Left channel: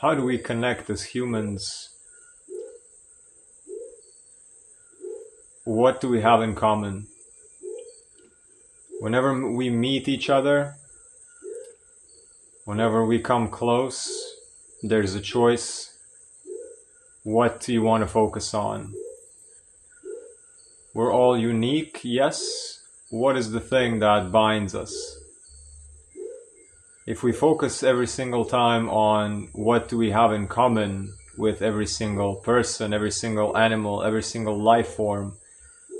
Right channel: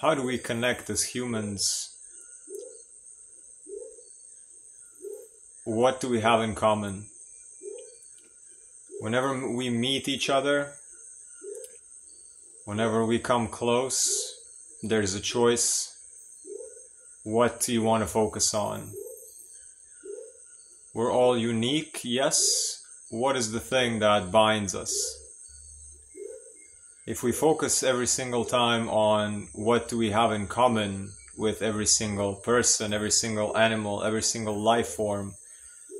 how do we connect as humans? What do we have in common? Whenever we meet each other, whenever we come close, there's a choice. What do you want to focus on? We're all unique, yes. What is the thing that binds us? If we focus every single time on what do we have in common with every single person, every single animal, every single life form,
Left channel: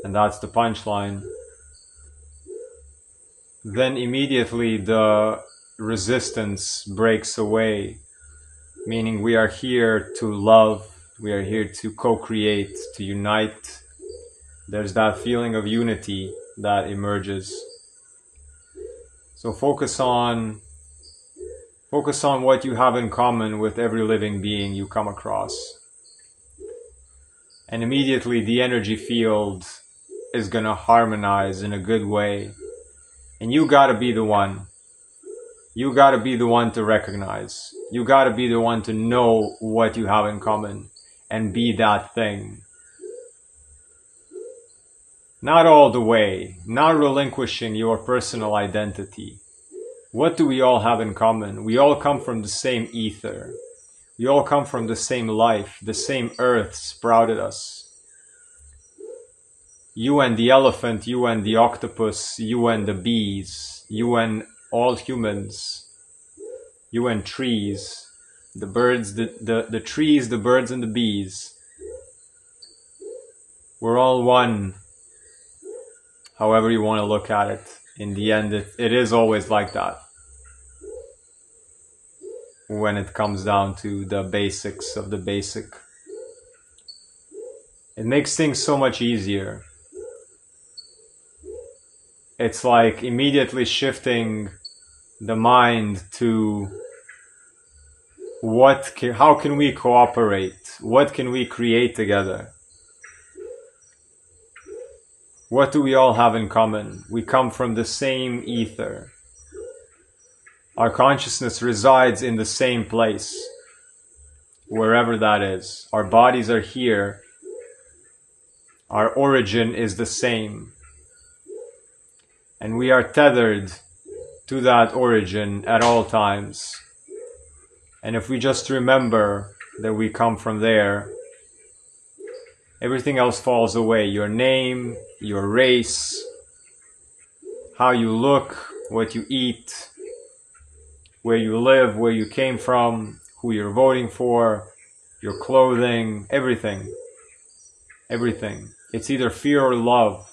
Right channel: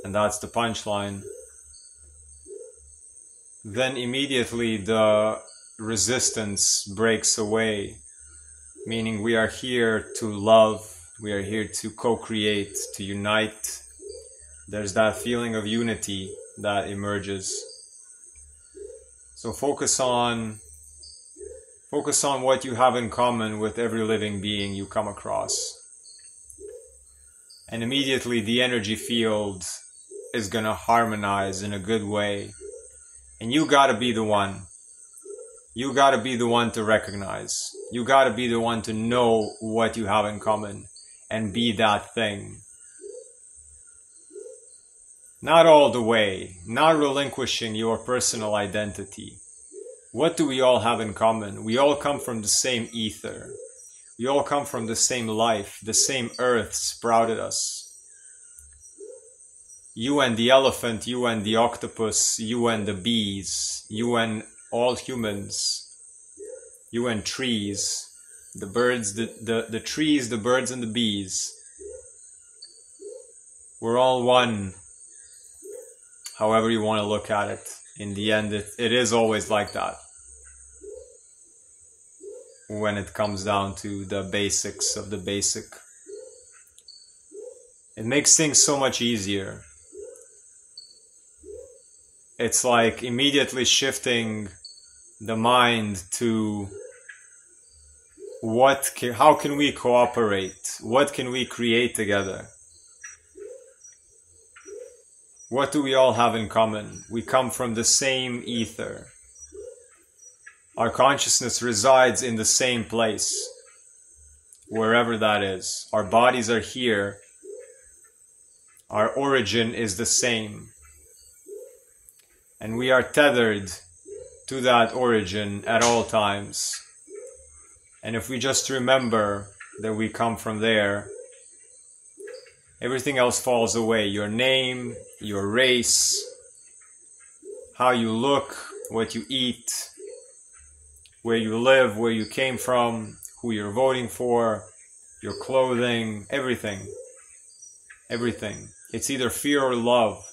and that's the punchline, then immediately the resistance breaks away, meaning we are here to love, we are here to co-create, to unite. There's that feeling of unity that emerges. So focus on what you have in common with every living being you come across. And immediately the energy field is going to harmonize in a good way. And you got to be the one. You got to be the one to recognize. You got to be the one to know what you have in common and be that thing. Not all the way, not relinquishing your personal identity. What do we all have in common? We all come from the same ether. We all come from the same life. The same earth sprouted us. You and the elephant, you and the octopus, you and the bees, you and all humans, you and trees, the birds, the trees, the birds and the bees. We're all one, however you want to look at it. In the end, it is always like that. When it comes down to the basics of the basic. It makes things so much easier. It's like immediately shifting the mind to how can we cooperate? What can we create together? What do we all have in common? We come from the same ether. Our consciousness resides in the same place, wherever that is. Our bodies are here. Our origin is the same. And we are tethered to that origin at all times. And if we just remember that we come from there, everything else falls away. Your name, your race, how you look, what you eat, where you live, where you came from, who you're voting for, your clothing, everything. Everything. It's either fear or love.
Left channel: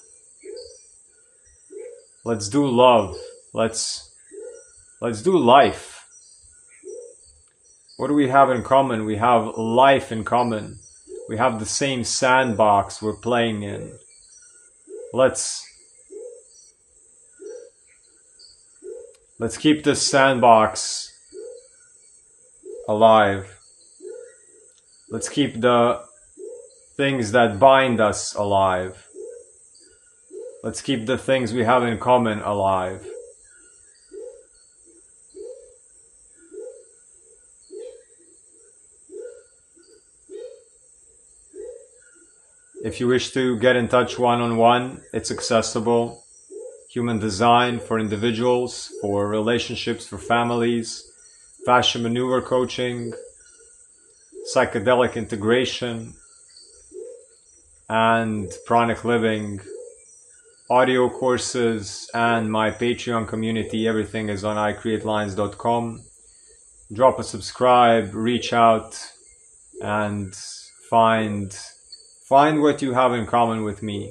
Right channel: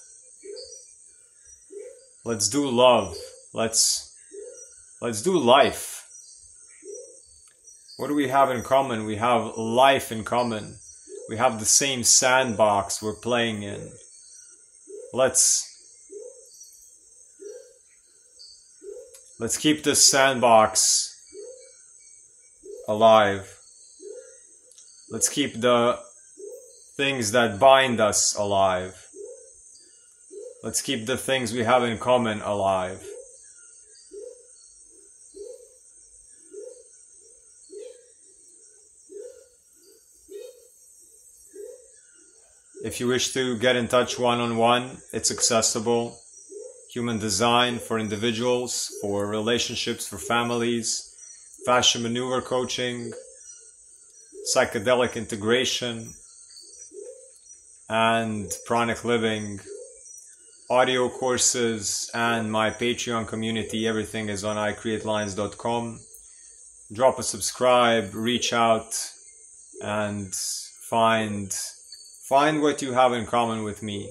Let's do love. Let's do life. What do we have in common? We have life in common. We have the same sandbox we're playing in. Let's keep this sandbox alive. Let's keep the things that bind us alive. Let's keep the things we have in common alive. If you wish to get in touch one-on-one, it's accessible. Human design for individuals, for relationships, for families, Fascia Maneuver coaching, psychedelic integration, and Pranic living, audio courses, and my Patreon community. Everything is on icreatelines.com. Drop a subscribe, reach out, and find what you have in common with me.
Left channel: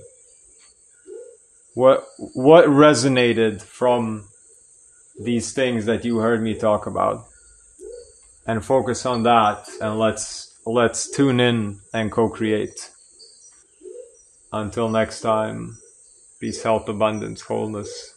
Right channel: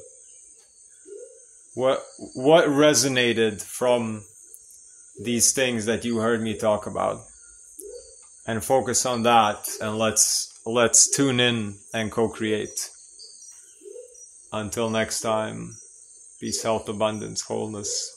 What resonated from these things that you heard me talk about, and focus on that, and let's tune in and co-create. Until next time, peace, health, abundance, wholeness.